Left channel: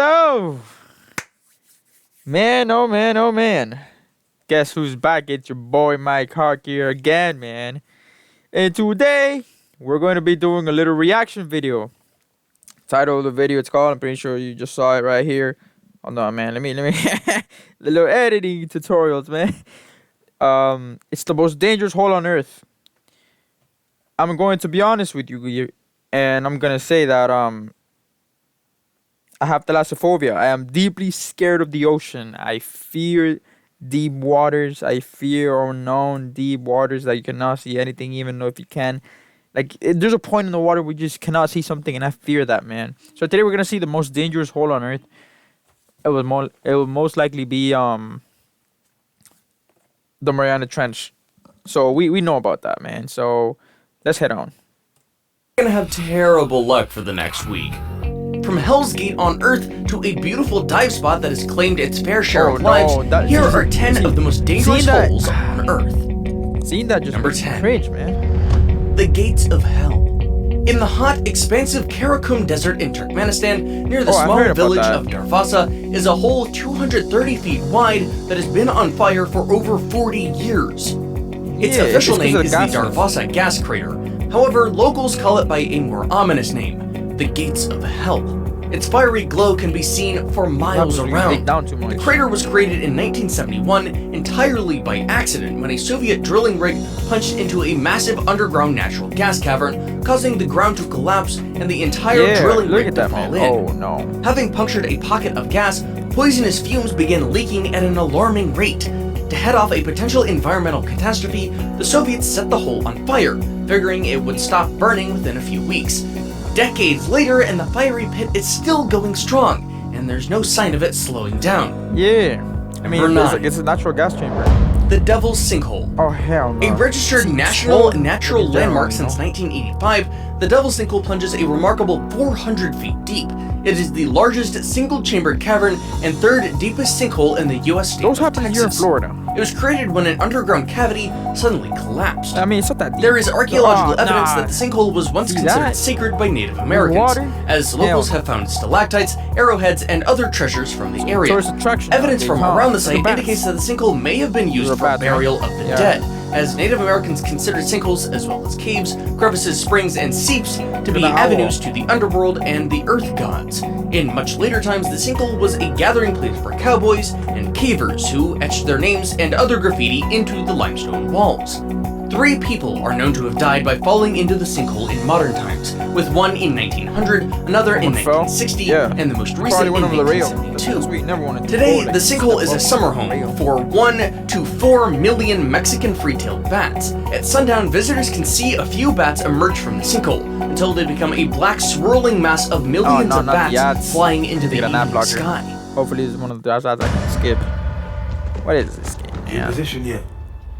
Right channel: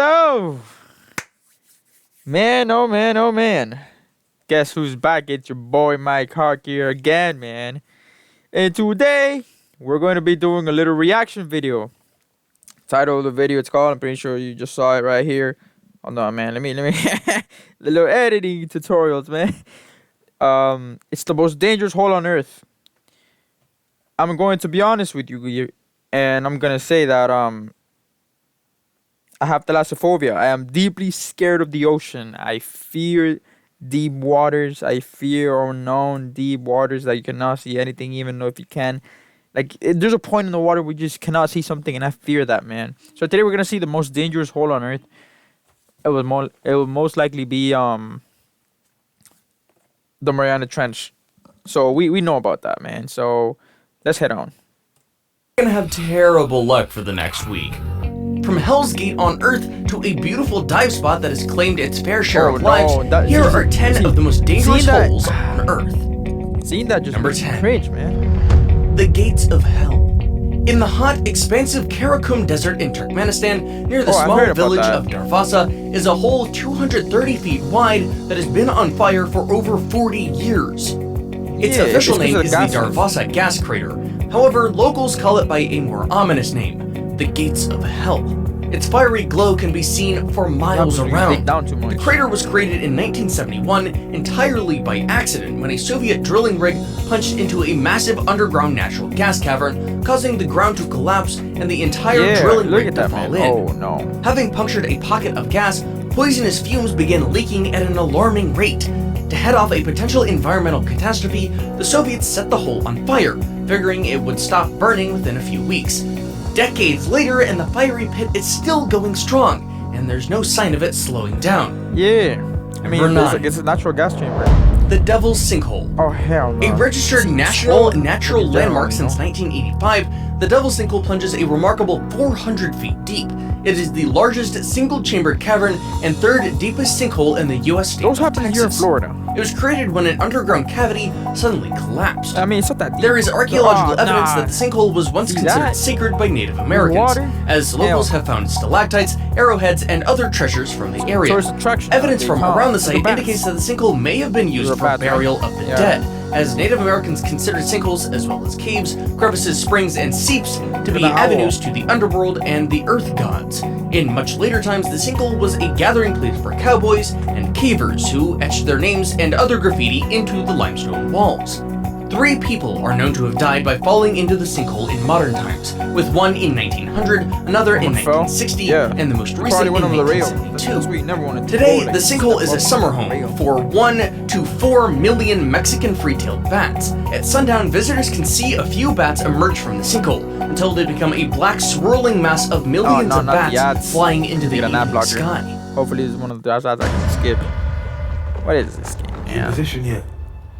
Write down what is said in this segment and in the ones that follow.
So, man, oh man, oh man. Guess who's back? It's your boy Mike Hawk here again, man. And today, we're going to be doing a little reaction video. Title of the video, it's called, I'm pretty sure you just saw it right here. Oh no, man, let me, the little editing tutorials, man. It's the most dangerous hole on earth. I'm going to be honest with you, and I'm going to say that, I have thalassophobia. I am deeply scared of the ocean. I fear deep waters. I fear unknown deep waters that you cannot see anything, even though if you can. Like, there's a point in the water where you just cannot see something, and I fear that, man. So today we're gonna see the most dangerous hole on Earth. It will most likely be the Mariana Trench. So we know about that, man. So let's head on. You're gonna have terrible luck for the next week. From Hell's Gate on Earth to a beautiful dive spot that has claimed its fair share of lives, here are 10 of the most dangerous holes on Earth. Seeing that just Number makes 10. me cringe, man. The Gates of Hell. In the hot, expansive Karakum Desert in Turkmenistan, near the small village of Darvasa, is a hole 230 feet wide that has been on fire for over 40 years. Its official name is the Darvasa gas crater. However, locals call it by a more ominous name, the Gates of Hell. Its fiery glow can be seen for miles around. The crater was created in 1971 entirely by accident when a Soviet drilling rig punched into a massive underground natural gas cavern, causing the ground to collapse and the entire drilling rig to fall in. Oh no. Having punctured a pocket of gas, poisonous fumes began leaking at an alarming rate. To head off a potential environmental catastrophe, the Soviets set the hole on fire, figuring it would stop burning within a few weeks. Decades later, and the fiery pit is still going strong, and there's no sign of it slowing down. Yeah. I mean, it's a natural gas chamber. The Devil's Sinkhole. Oh, hell no. A registered national natural landmark since 1985, the Devil's Sinkhole plunges a remarkable 400 feet deep. It is the largest single-chambered cavern and third deepest sinkhole in the U.S. state. Those happen here in Florida. It was created when an underground cavity suddenly collapsed. I mean, it's not that deep. There is archaeological evidence that the sinkhole was once considered sacred by Native Americans, as locals have found stalactites, arrowheads, and other treasures from the area. Tourist attraction. Evidence from around the site indicates that the sinkhole may have been used for burial of the dead, as Native Americans considered sinkholes, as well as caves, crevices, springs, and seeps, to be avenues to the underworld and the earth gods. In much later times, the sinkhole was a gathering place for cowboys and cavers who etched their names and other graffiti into the limestone walls. 3 people are known to have died by falling into the sinkhole in modern times, with one in 1900, another in 1960, and the most recent in 1972. Today, the sinkhole is a summer home for 1 to 4 million Mexican free-tailed bats. At sundown, visitors can see a few bats emerge from the sinkhole, until they become a black swirling mass of millions of bats flying into the evening sky. Hopefully it's one of the ads I can skip. What is this game, man? Position yet?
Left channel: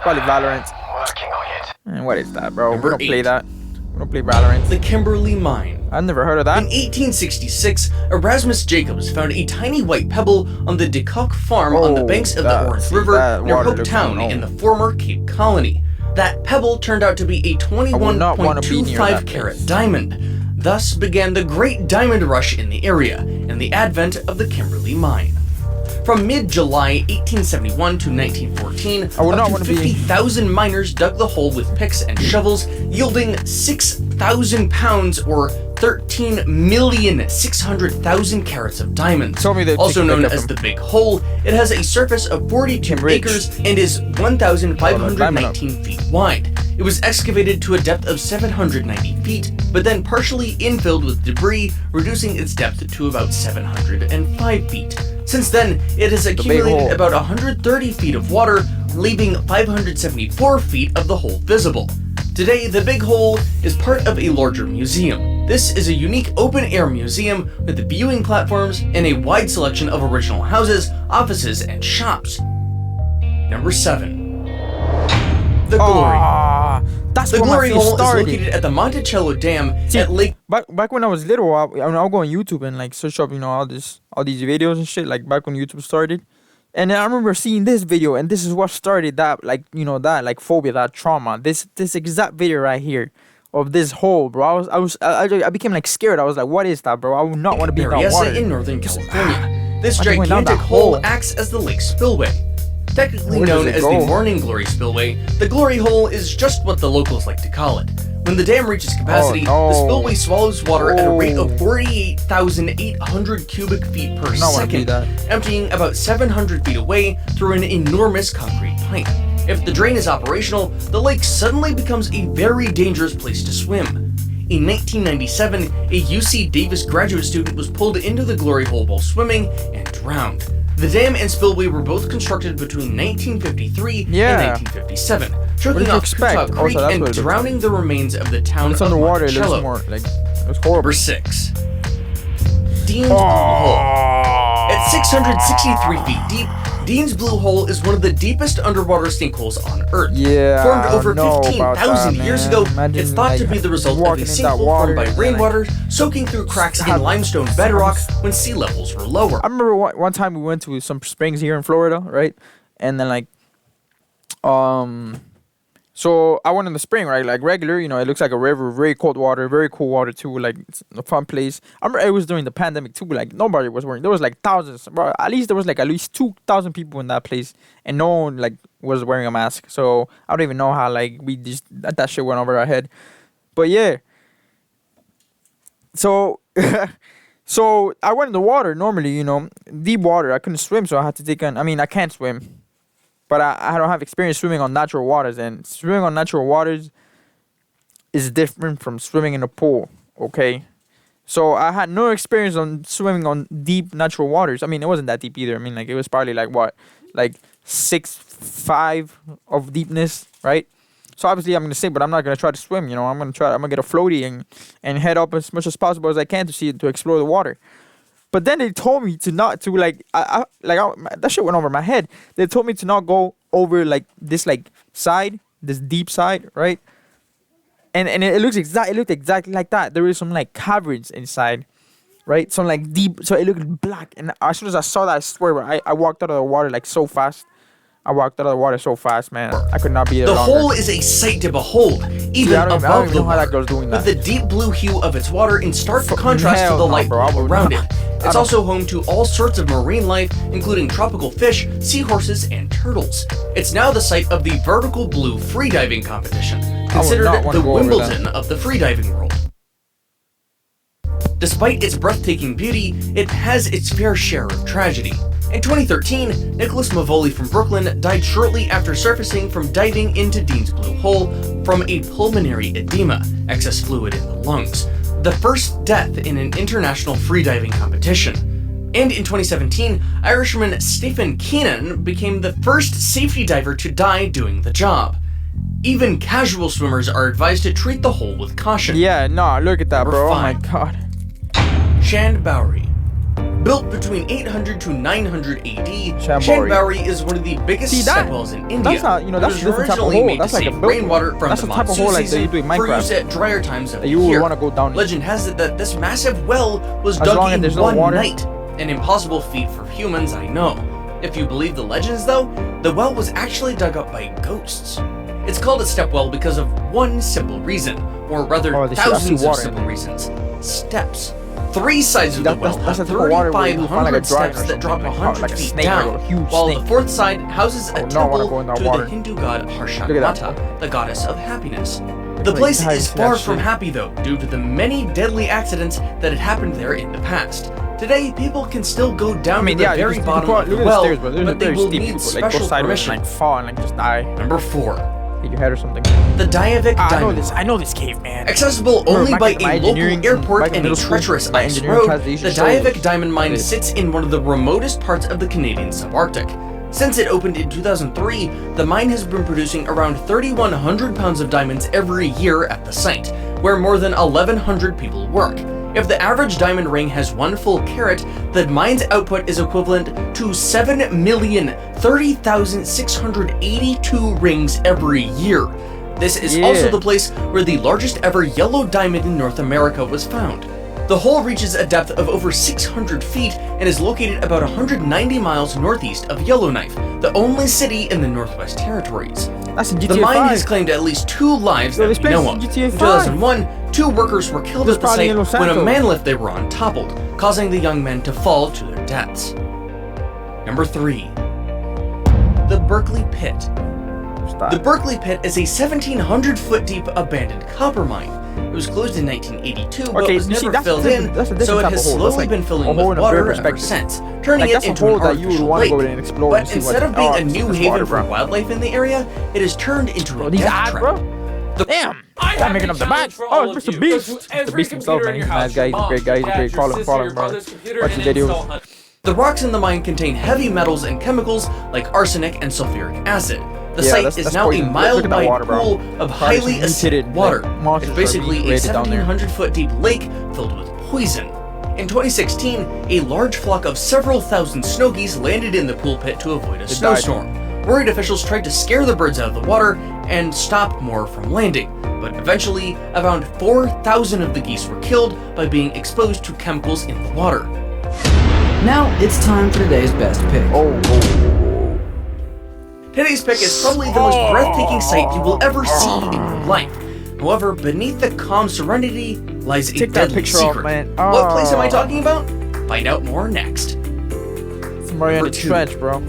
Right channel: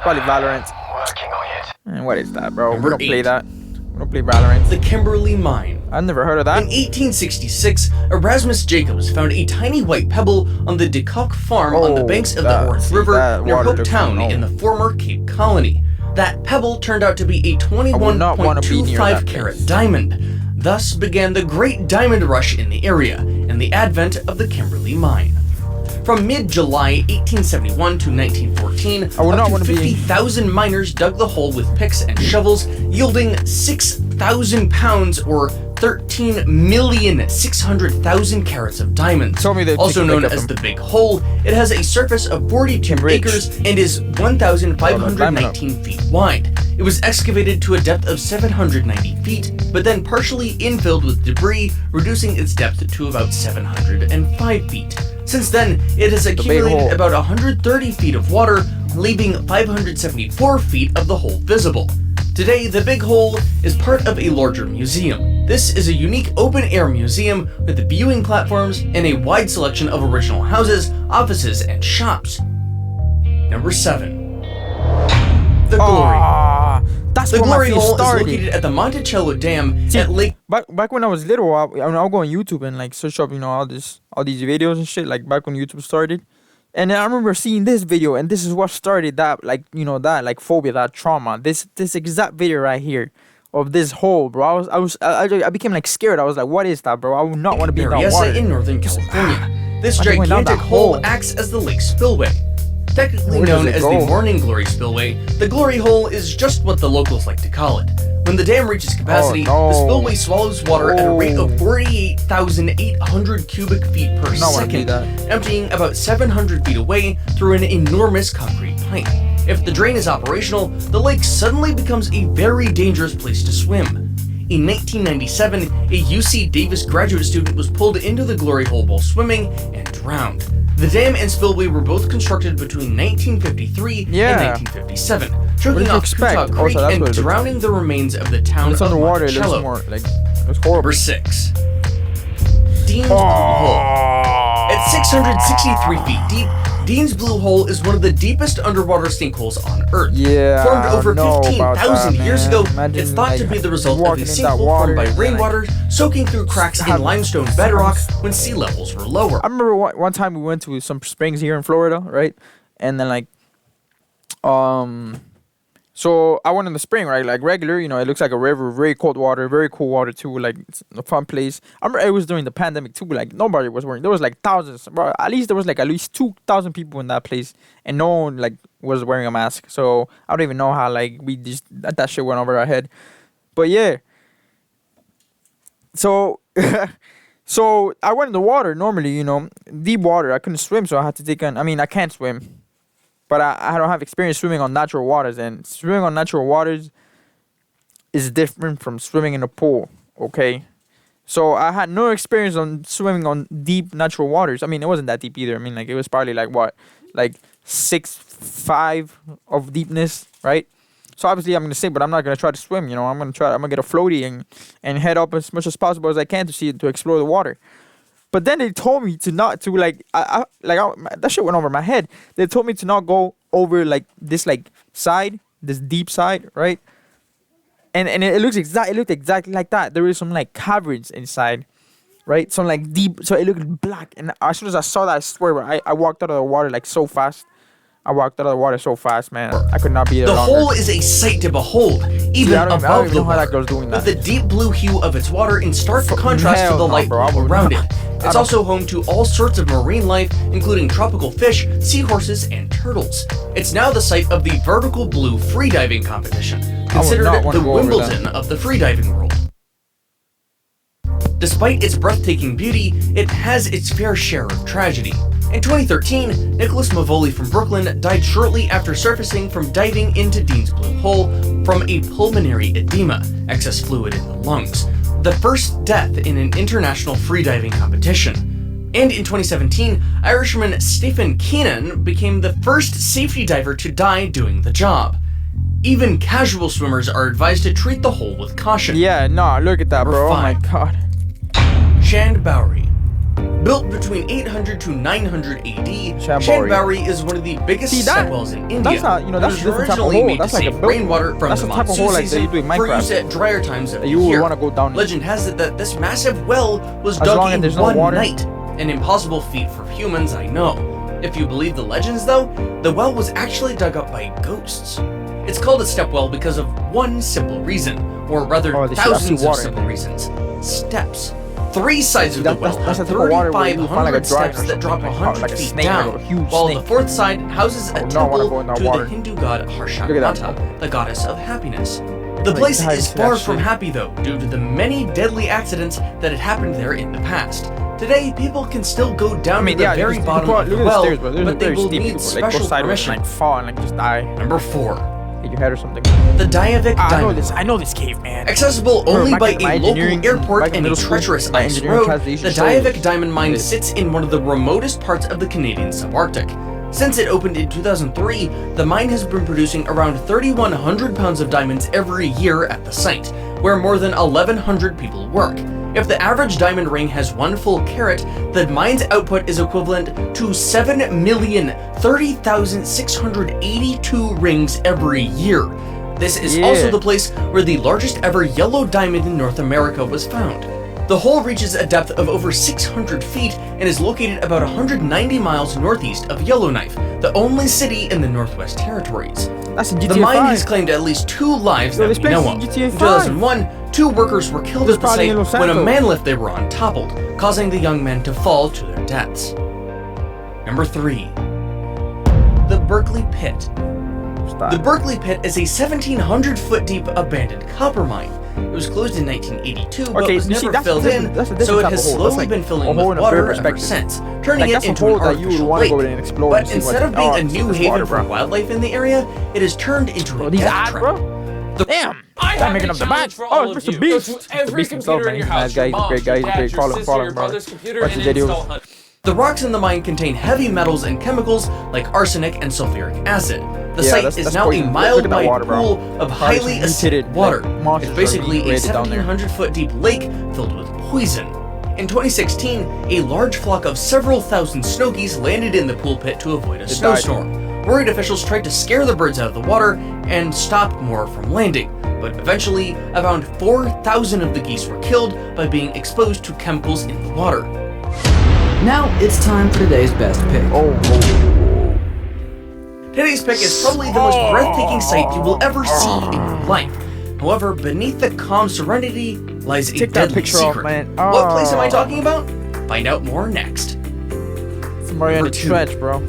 Probably Valorant. Working on it. And what is that, bro? Number We don't 8. play that. We don't play Valorant. The Kimberley Mine. I've never heard of that. In 1866, Erasmus Jacobs found a tiny white pebble on the De Kock farm on the banks of the Orth River near Hope Town in the former Cape Colony. That pebble turned out to be a 21.25 carat diamond. Thus began the Great Diamond Rush in the area and the advent of the Kimberley Mine. From mid-July 1871 to 1914, up to 50,000 miners dug the hole with picks and shovels, yielding 6,000 pounds or 13,600,000 carats of diamonds. Also known as the Big Hole, it has a surface of 42 acres and is 1,519 feet wide. It was excavated to a depth of 790 feet, but then partially infilled with debris, reducing its depth to about 705 feet. Since then, it has accumulated about 130 feet of water, leaving 574 feet of the hole visible. Today, the Big Hole is part of a larger museum. This is a unique open-air museum with viewing platforms and a wide selection of original houses, offices, and shops. Number 7. The Glory. That's the where Glory my face Hole started. is located at the Monticello Dam at Lake. Back when I was little, I'll go on YouTube and like search up, all these videos and shit. Like back when YouTube started, and I remember seeing this video, and this is what started that, phobia, that trauma. This exact video right here of this hole, bro. I became like scared. I was like, what is that, bro? I would not want to be in that Berryessa water. in Northern California. This Imagine going down gigantic that hole hole. acts as the lake spillway. Technically Where does known it as go? the Morning Glory Spillway, the Glory Hole is just what the locals like to call it. When the dam reaches capacity, Oh, no. the spillway swallows water at a rate of 48,800 cubic feet per I don't wanna be second, that. emptying about 700 feet away through an enormous concrete pipe. If the drain is operational, the lake suddenly becomes a very dangerous place to swim. In 1997, a UC Davis graduate student was pulled into the Glory Hole while swimming and drowned. The dam and spillway were both constructed between 1953 Yeah. and 1957, What choking did you off expect? Coutaw Creek Also, that's and what it looks drowning the remains of the town When it's of underwater, it looks Monticello. more like it's horrible. Number 6. Dean's Blue Hole. At 663 feet deep, Dean's Blue Hole is one of the deepest underwater sinkholes on Earth. Yeah, Formed I over don't know about 15,000 that, years man. ago, Imagine, it's thought to like, be the result of a walking in that sinkhole water formed by and then, like, rainwater soaking through cracks in have- limestone bedrock when sea levels were lower. I remember one time we went to some springs here in Florida, right? And then like, so I went in the spring, right? Like regular, you know, it looks like a river, very cold water, very cool water too. Like it's a fun place. I remember it was during the pandemic too. Like nobody was wearing. There was like thousands, bro. At least there was like at least 2,000 people in that place, and no one like was wearing a mask. So I don't even know how like we just that shit went over our head. But yeah. So. So I went in the water normally, you know, deep water. I couldn't swim, so I had to take I mean, I can't swim, but I don't have experience swimming on natural waters, and swimming on natural waters is different from swimming in a pool. Okay, so I had no experience on swimming on deep natural waters. I mean, it wasn't that deep either. I mean, like it was probably like what, like 6'5" of deepness, right? So obviously I'm gonna sink, but I'm not gonna try to swim. You know, I'm gonna get a floaty and head up as much as possible as I can to explore the water. But then they told me to not to like that shit went over my head. They told me to not go over like this like side, this deep side, right? And it looked exactly like that. There was some like caverns inside, right? Some like deep, so it looked black. And as soon as I saw that, I swear, bro, I walked out of the water like so fast. I walked out of the water so fast, man. I could not be there The longer. hole is a sight to behold, even I don't above even the know how that water, girl's doing that. with the deep blue hue of its water in stark contrast hell to the no, light bro. I blue would around not. it. I It's don't- also home to all sorts of marine life, including tropical fish, seahorses, and turtles. It's now the site of the Vertical Blue freediving competition, considered not wanna the go over that. Wimbledon of the freediving world. Despite its breathtaking beauty, it has its fair share of tragedy. In 2013, Nicholas Mavoli from Brooklyn died shortly after surfacing from diving into Dean's Blue Hole from a pulmonary edema, excess fluid in the lungs, the first death in an international freediving competition. And in 2017, Irishman Stephen Keenan became the first safety diver to die doing the job. Even casual swimmers are advised to treat the hole with caution. Yeah, no, look at that, Number bro. Oh my 5. god. Shand Bowery. Built between 800 to 900 AD, Shand Bowery is one of the biggest See, that- stepwells in India. that's not- you know, that's It a was different type of originally hole. made That's to like a save built- rainwater from that's the the type of monsoon hole like season that you do in for Minecraft. use at drier times of That you the would year. wanna go down in. Legend has it that this massive well was As dug long as in there's no one water. night. An impossible feat for humans, I know. If you believe the legends, though, the well was actually dug up by ghosts. It's called a step well because of one simple reason, or rather Oh, this shit, I see thousands of water in simple there. reasons. Steps. 3 sides of That- the well that's the have type of water where you 3,500 find like a dragon steps or that drop something, like 100 like a feet snake, down, like a huge while snake. the 4th side houses I a would not wanna temple go in that to water. the Hindu god Look at Harshanata, that. the goddess of happiness. The like place dive is into that far from shit. happy though, due to the many deadly accidents that had happened there in the past. Today, people can still go down I mean, to the yeah, very you bottom can of the look at the well, stairs, bro. They're but they very will steep. need You could like go special sideways and permission. like fall and like just die, Number 4. hit your head or something. The Diavik I know Diamond. this. I know this cave, man. Accessible Remember, only back by in my a engineering- local airport back in and a middle school, treacherous my ice engineering road, class, they used the to show Diavik us Diamond Mine this. sits in one of the remotest parts of the Canadian subarctic. Since it opened in 2003, the mine has been producing around 3,100 pounds of diamonds every year at the site, where more than 1,100 people work. If the average diamond ring has 1 full carat, the mine's output is equivalent to 7,030,682 rings every year. This is Yeah. also the place where the largest ever yellow diamond in North America was found. The hole reaches a depth of over 600 feet and is located about 190 miles northeast of Yellowknife, the only city in the Northwest Territories. That's in GTA The mine 5. has claimed at least 2 lives Yo, that this we place know is of. GTA In 5. 2001, 2 workers were killed This at the probably in site Los when a Santos. man lift they were on toppled, causing the young men to fall to their deaths. Number 3. The Berkeley Pit. The Berkeley Pit is a 1,700-foot deep abandoned copper mine. It was closed in 1982, but was never filled in, so it has slowly been filling with water ever since, turning it into an artificial lake. But instead of being a new haven for wildlife in the area, it has turned into a death trap. Damn! I'm making up the match. Oh, it's Mr. Beast. Mr. Beast himself, man. He's a nice guy. He's a great guy. He's a great. Follow him, bro. Watch his videos. The rocks in the mine contain heavy metals and chemicals like arsenic and sulfuric acid. The site is now a mile-wide pool of highly acidic water. It's basically a 1,700-foot deep lake filled with poison. In 2016, a large flock of several thousand snow geese landed in the pool pit to avoid a snowstorm. Worried officials tried to scare the birds out of the water and stop more from landing, but eventually, around 4,000 of the geese were killed by being exposed to chemicals in the water. Now it's time for today's best pick. Today's pick is probably the most breathtaking sight you will ever see in your life. However, beneath the calm serenity lies a deadly secret. What place am I talking about? Find out more next. Somewhere in the trench, bro.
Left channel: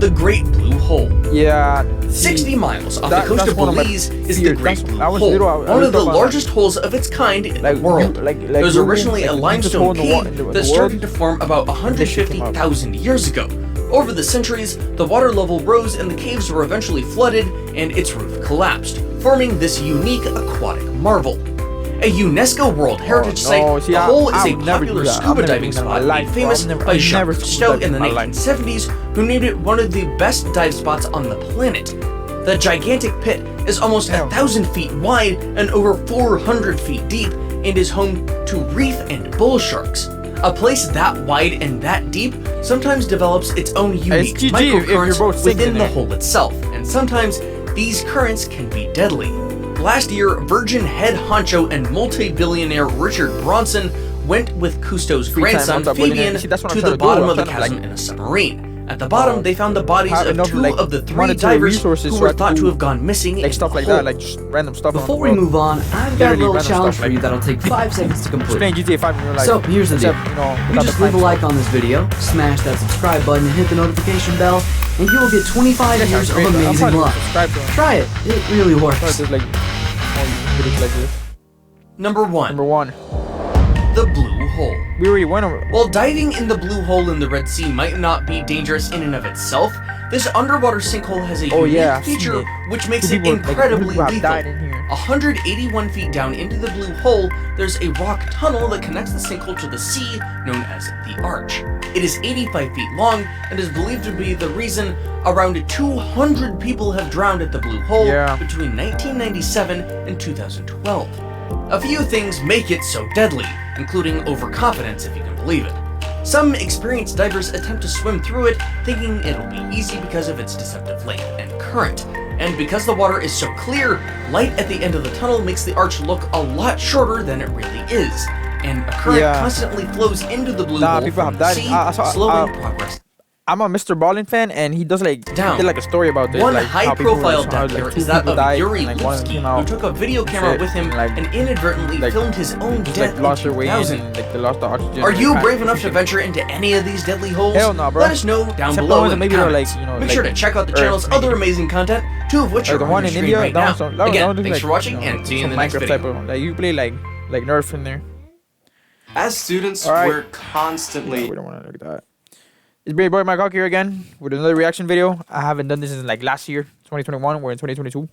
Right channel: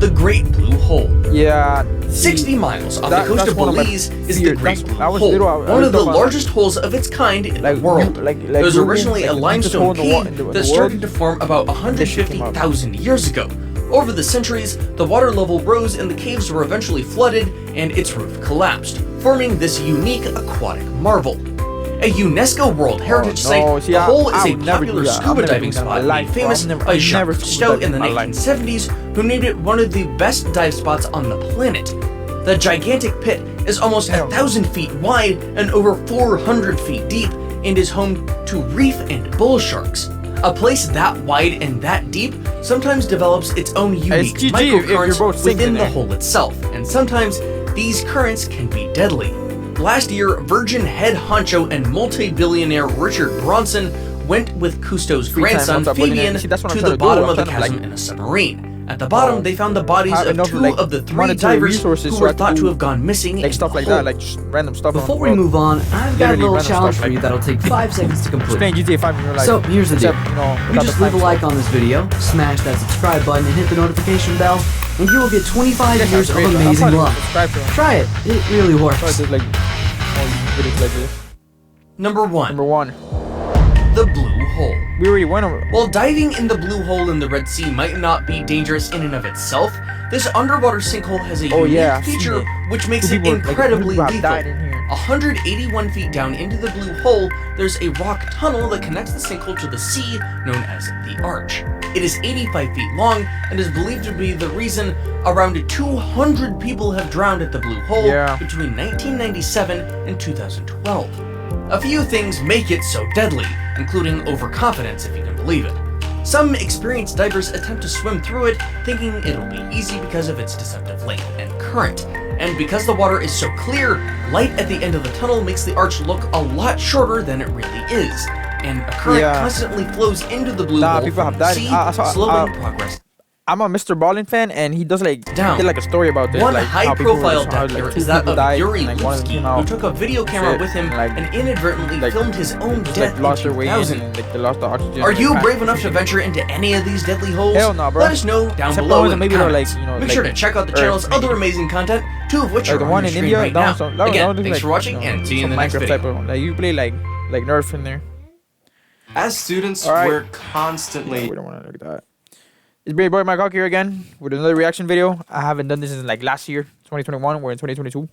The Great Blue Hole. Yeah. 60 miles off the coast of Belize is the Great Blue Hole, one of the largest holes of its kind in the world. It was originally a limestone cave that started to form about 150,000 years ago. Over the centuries, the water level rose and the caves were eventually flooded and its roof collapsed, forming this unique aquatic marvel. A UNESCO World Heritage Site, the hole is a popular scuba diving spot made famous by Jacques Cousteau in the 1970s, who named it one of the best dive spots on the planet. The gigantic pit is almost 1,000 feet wide and over 400 feet deep and is home to reef and bull sharks. A place that wide and that deep sometimes develops its own unique microcurrents within the hole itself, and sometimes these currents can be deadly. Last year, Virgin head honcho and multi-billionaire Richard Branson went with Cousteau's grandson Fabian to the bottom of the chasm in a submarine. At the bottom, they found the bodies of 2 of the 3 divers who were thought to have gone missing in stuff the like hole. that, like just random stuff. Before we move on, I've got a little challenge for you that'll take 5 seconds to complete. Playing GTA 5 in real life. So here's the deal. You You just leave a like on this video, smash that subscribe button, and hit the notification bell, and you will get 25 years of amazing luck. Try it. It really works. There's like more videos like this. Number 1. Number 1. The Blue Hole. We already went over. While diving in the Blue Hole in the Red Sea might not be dangerous in and of itself, this underwater sinkhole has a unique feature which makes it incredibly lethal. 181 feet down into the Blue Hole, there's a rock tunnel that connects the sinkhole to the sea, known as the Arch. It is 85 feet long and is believed to be the reason around 200 people have drowned at the Blue Hole between 1997 and 2012. A few things make it so deadly, including overconfidence, if you can believe it. Some experienced divers attempt to swim through it, thinking it'll be easy because of its deceptive length and current. And because the water is so clear, light at the end of the tunnel makes the arch look a lot shorter than it really is. And a current constantly flows into the Blue Hole people have from the died. sea, slowing progress. I'm a Mr. Ballin fan, and he does like he did like a story about this, One like how people were high-profile like 2 is that people of died, Yuri and like one of them Lutski, came out, who took a video camera with him and inadvertently filmed his own just death like lost their way in, 2000. and like they lost the oxygen. Are you brave enough to venture into any of these deadly holes? Hell no, bro. Let us know down Except below the ones that in maybe the they're like, comments. Make sure to check out the channel's other amazing content, 2 of which like are the on one your in screen India. right That now. was Again, like, thanks for watching and see you in the next Minecraft video. type of like you play like Nerf in there. As students, we're constantly. We don't want to look at that. It's Brave Boy Mike Hawk here again with another reaction video. I haven't done this since like last year, 2021. We're in 2022.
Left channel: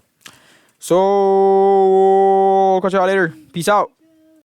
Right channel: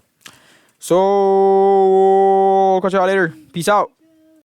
So, catch y'all later. Peace out.